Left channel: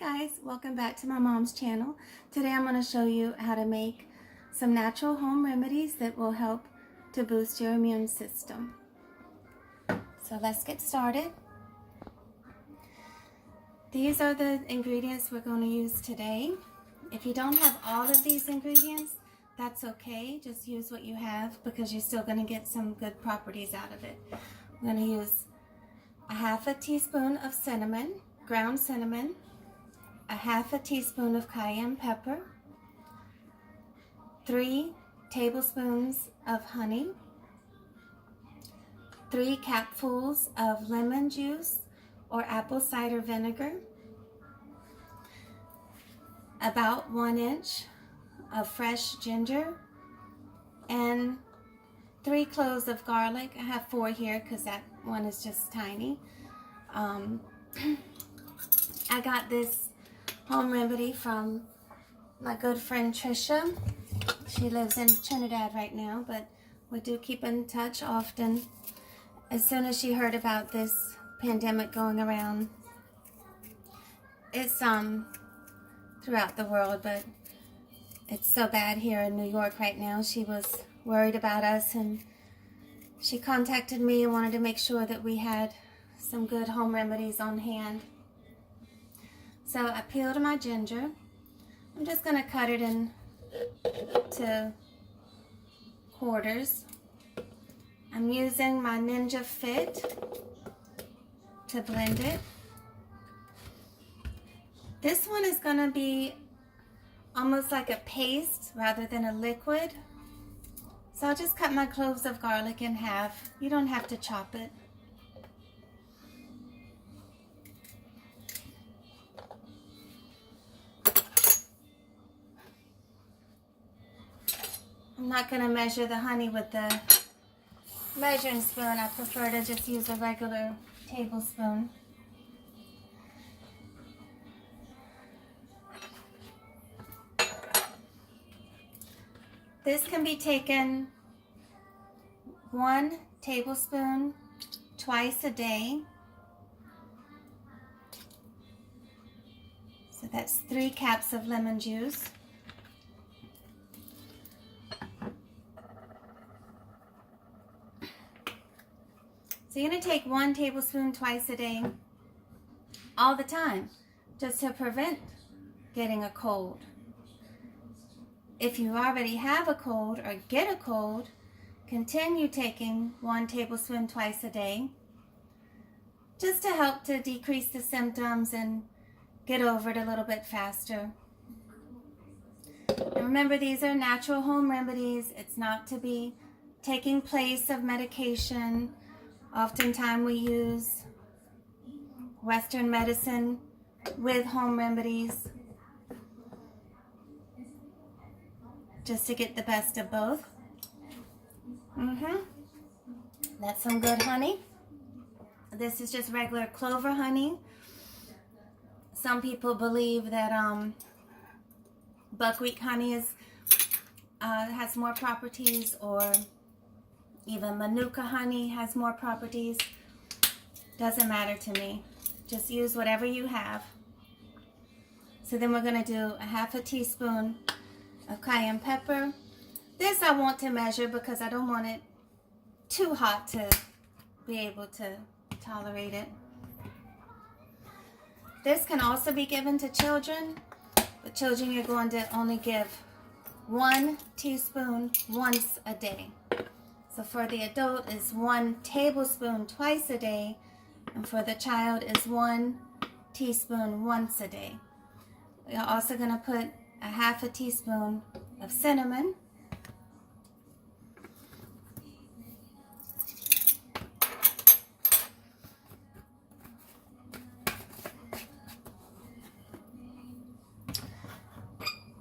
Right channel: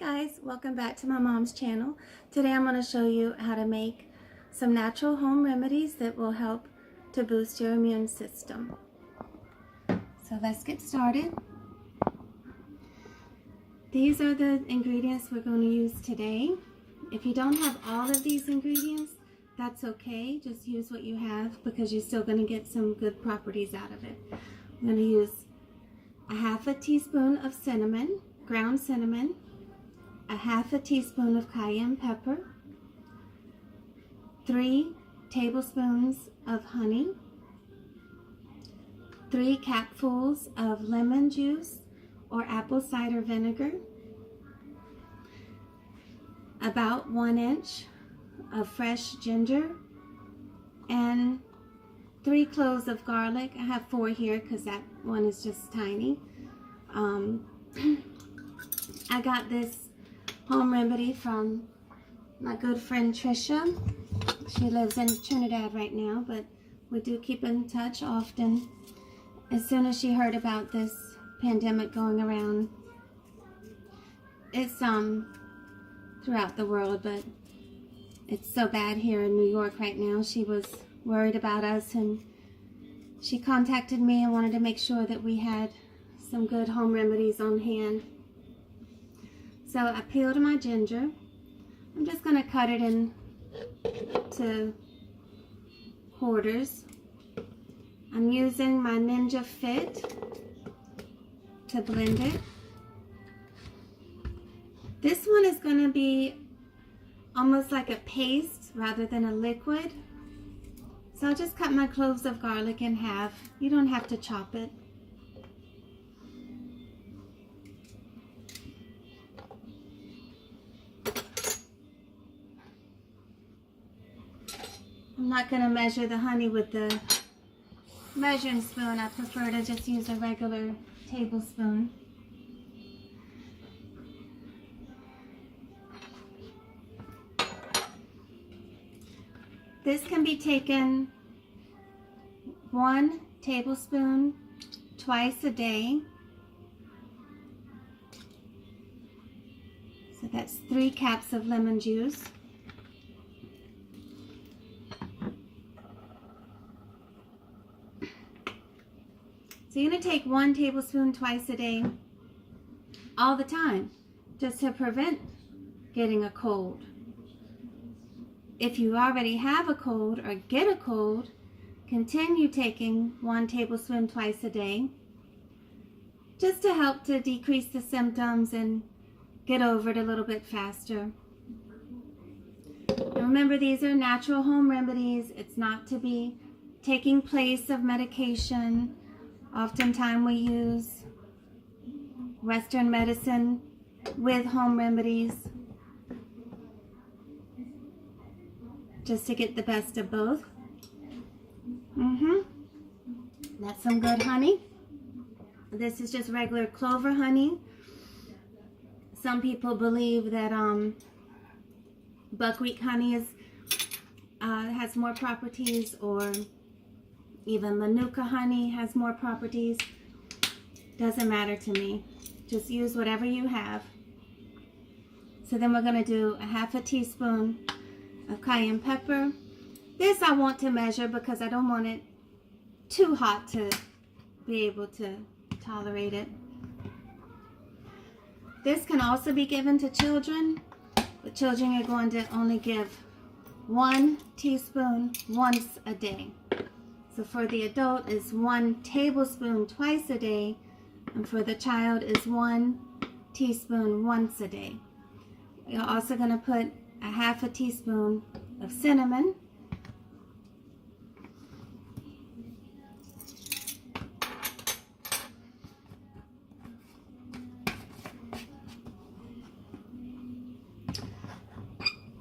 guys, welcome back to my mom's channel. Today I'm going to show you how to make some natural home remedies that will help to boost your immune system. So let's get started. These are the ingredients we're going to use today. If you don't have all of these ingredients, that's okay. Just use what you have because you're still going to get some good properties out of it. I'm going to use a half a teaspoon of cinnamon, ground cinnamon, a half a teaspoon of cayenne pepper, 3 tablespoons of honey, 3 capfuls of lemon juice or apple cider vinegar, about 1 inch of fresh ginger, and 3 cloves of garlic. I have 4 here because that one is just tiny. I got this home remedy from my good friend Trisha. She lives in Trinidad right now, but we do keep in touch often. As soon as she heard about this pandemic going around, it's throughout the world, but it's so bad here in New York right now. She was worried about us, and she contacted me and wanted to make sure that we had some good home remedies on hand. So I peeled my ginger. I'm just going to cut it into quarters. I'm using my Ninja Fit to blend it. This one is going to be almost like a paste rather than a liquid. So I'll just cut my cloves of garlic in half. You don't have to chop it. I'm not going to measure the honey with the measuring spoon. I prefer to just use a regular tablespoon. This can be taken 1 tablespoon twice a day. So that's 3 caps of lemon juice. So you're going to take 1 tablespoon twice a day, all the time, just to prevent getting a cold. If you already have a cold or get a cold, continue taking 1 tablespoon twice a day, just to help to decrease the symptoms and get over it a little bit faster. And remember, these are natural home remedies. It's not to be taking place of medication. Oftentimes we use Western medicine with home remedies just to get the best of both. That's some good honey. This is just regular clover honey. Some people believe that buckwheat honey has more properties, or even Manuka honey has more properties. Doesn't matter to me. Just use whatever you have. So then we're going to do a half a teaspoon of cayenne pepper. This I want to measure because I don't want it too hot to be able to tolerate it. This can also be given to children, but children are going to only give 1 teaspoon once a day. So for the adult is 1 tablespoon twice a day, and for the child is 1 teaspoon once a day. We're also going to put a half a teaspoon of cinnamon.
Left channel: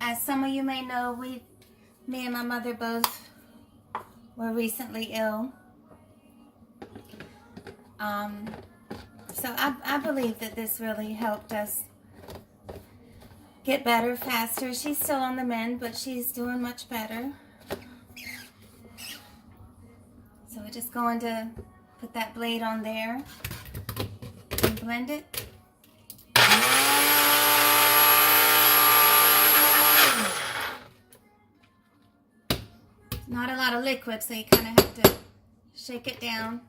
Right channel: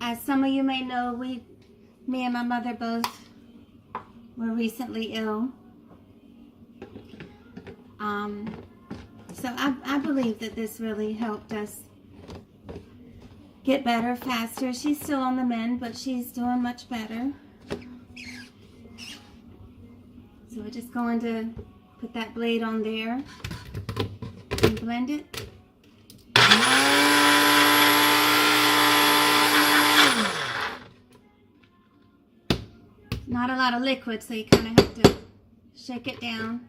As some of you may know, me and my mother both were recently ill. So I believe that this really helped us get better faster. She's still on the mend, but she's doing much better. So we're just going to put that blade on there and blend it. lot of liquid, so you kind of have to shake it down.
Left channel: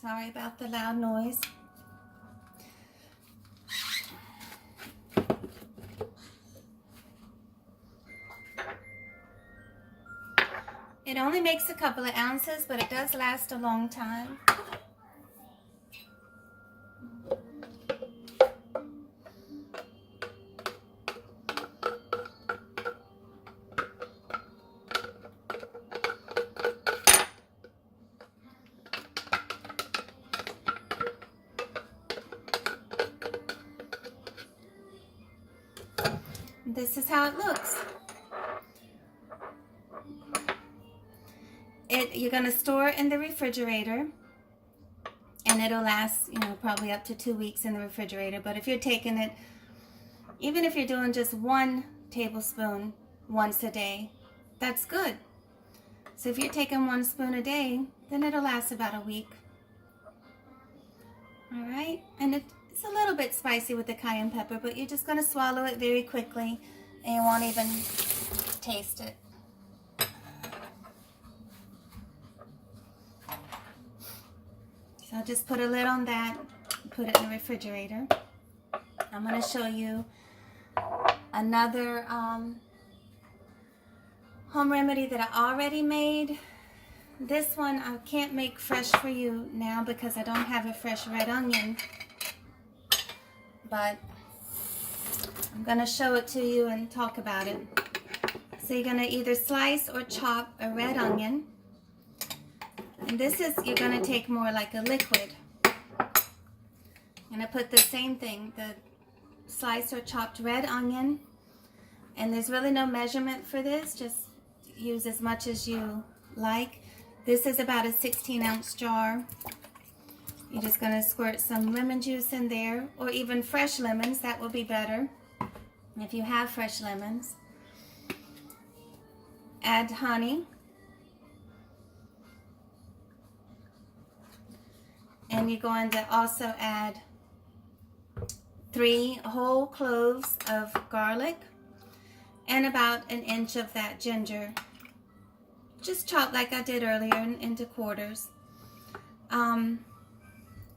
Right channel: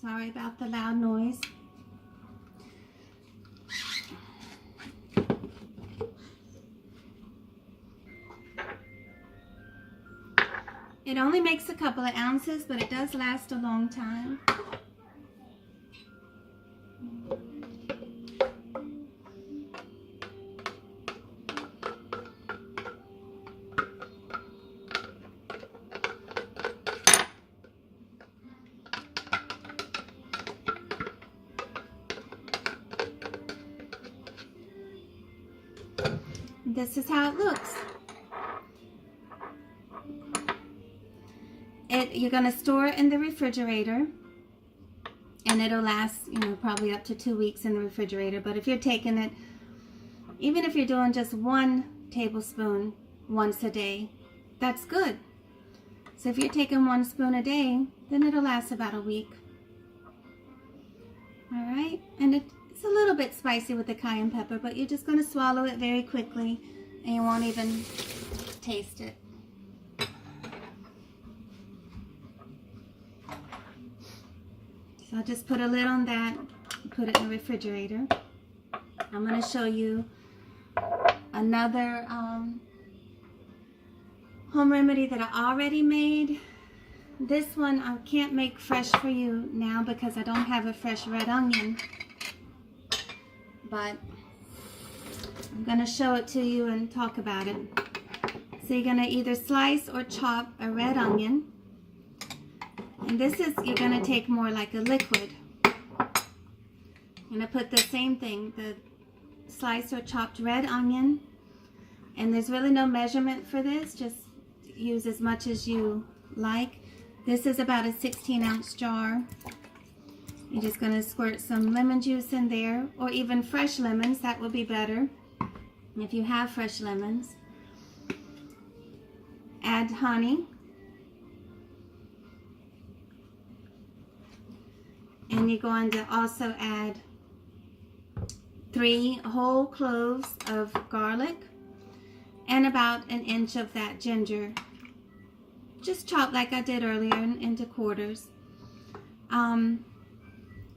Sorry about the loud noise. It only makes a couple of ounces, but it does last a long time. This is how it looks. You're going to store in the refrigerator, and it'll last, probably up to 2 weeks in the refrigerator. But if you're taking it, even if you're doing just 1 tablespoon once a day, that's good. So if you're taking 1 spoon a day, then it'll last about a week. All right, and it's a little bit spicy with the cayenne pepper, but you're just going to swallow it very quickly, and you won't even taste it. So I'll just put a lid on that, put it in the refrigerator. I'm going to show you another home remedy that I already made. This one I can't make fresh for you now because I don't have a fresh red onion. But I'm going to show it to you and talk about it. So you're going to either slice or chop a red onion. And this is, you're going to take more like a liquid. I'm going to put the same thing, the sliced or chopped red onion. And there's really no measurement for this, just use as much as you like. This is about a 16-ounce jar. You're just going to squirt some lemon juice in there, or even fresh lemons, that will be better if you have fresh lemons. Add honey. And you're going to also add 3 whole cloves of garlic and about an inch of that ginger. Just chopped like I did earlier into quarters.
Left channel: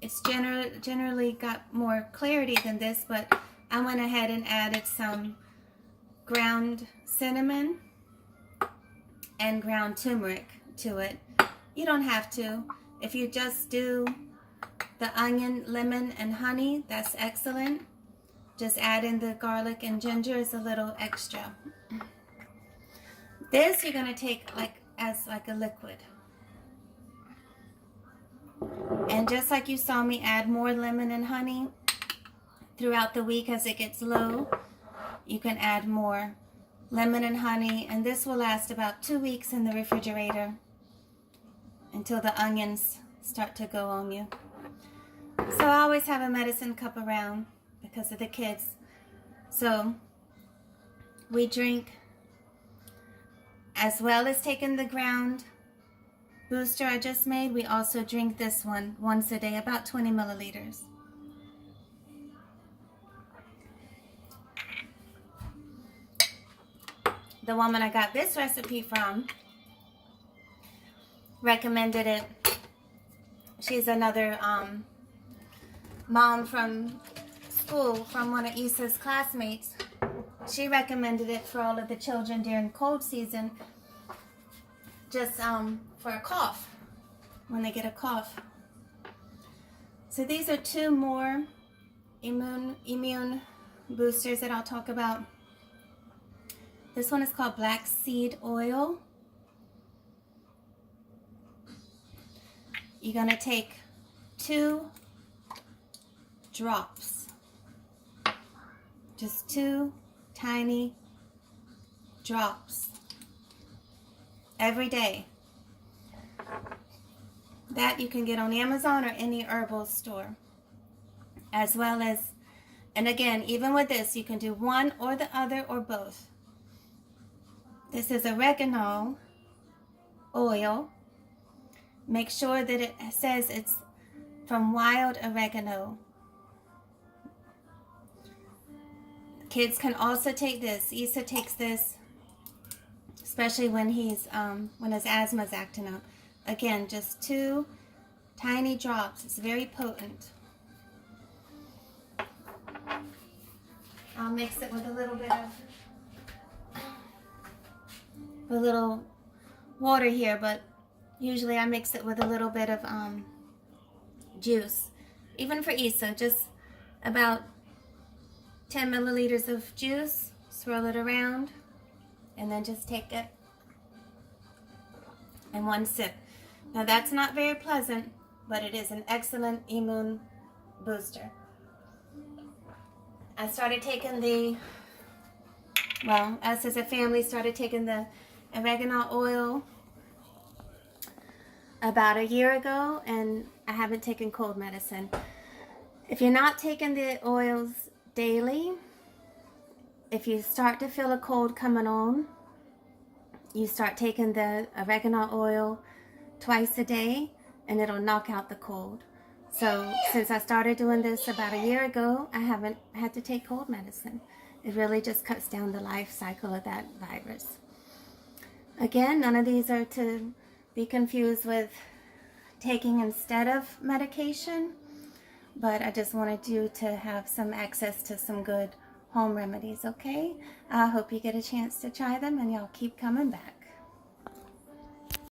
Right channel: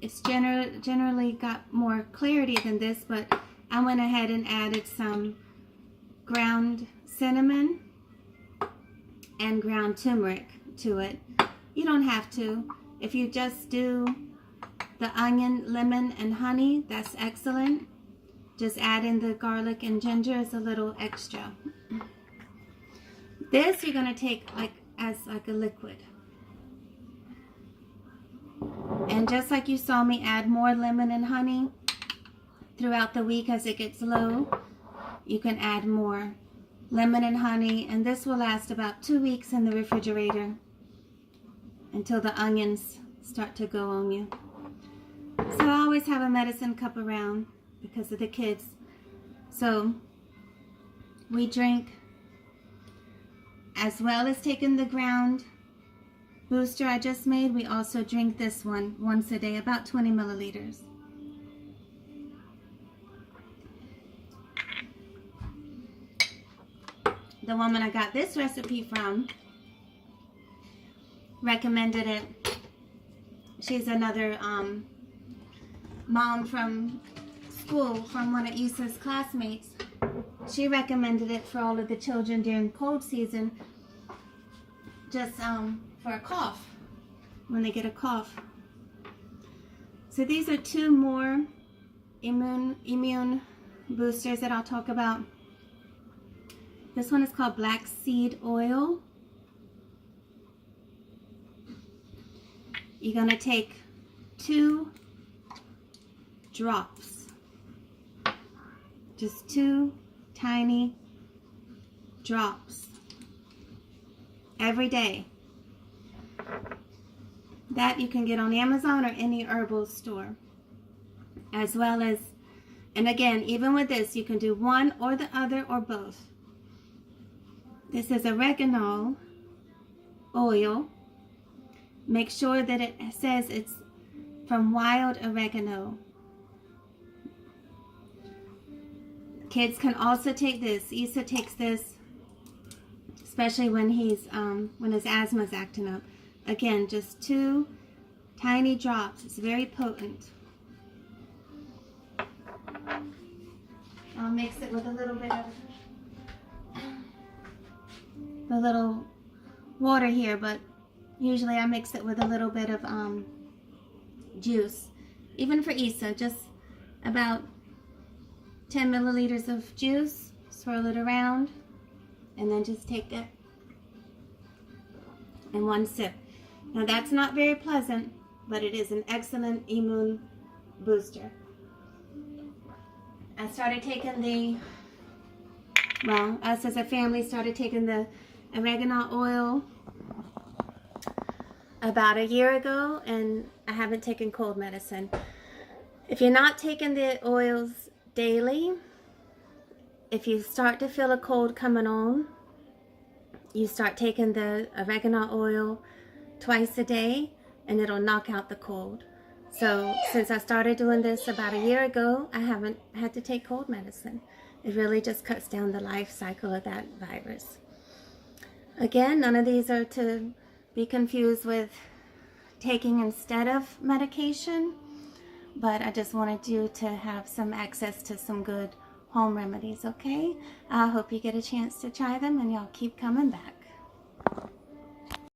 It's generally got more clarity than this, but I went ahead and added some ground cinnamon and ground turmeric to it. You don't have to. If you just do the onion, lemon, and honey, that's excellent. Just adding the garlic and ginger is a little extra. This you're going to take as a liquid. And just like you saw me add more lemon and honey throughout the week as it gets low, you can add more lemon and honey, and this will last about 2 weeks in the refrigerator until the onions start to go on you. So I always have a medicine cup around because of the kids. So we drink, as well as taking the ground booster I just made, we also drink this one once a day, about 20 milliliters. The woman I got this recipe from recommended it. She's another mom from school, from one of Issa's classmates. She recommended it for all of the children during cold season, just for a cough, when they get a cough. So these are 2 more immune boosters that I'll talk about. This one is called black seed oil. You're going to take 2 drops, just 2 tiny drops every day. That you can get on Amazon or any herbal store, as well as, and again, even with this, you can do one or the other or both. This is oregano oil. Make sure that it says it's from wild oregano. Kids can also take this. Issa takes this, especially when when his asthma is acting up. Again, just 2 tiny drops. It's very potent. I'll mix it with a little bit of a little water here, but usually I mix it with a little bit of juice. Even for Issa, just about 10 milliliters of juice, swirl it around, and then just take it in 1 sip. Now that's not very pleasant, but it is an excellent immune booster. I started taking us as a family started taking the oregano oil about a year ago, and I haven't taken cold medicine. If you're not taking the oils daily, if you start to feel a cold coming on, you start taking the oregano oil twice a day, and it'll knock out the cold. So since I started doing this about a year ago, I haven't had to take cold medicine. It really just cuts down the life cycle of that virus. Again, none of these are to be confused with taking instead of medication, but I just wanted you to have some access to some good home remedies, okay? I hope you get a chance to try them, and y'all keep coming back.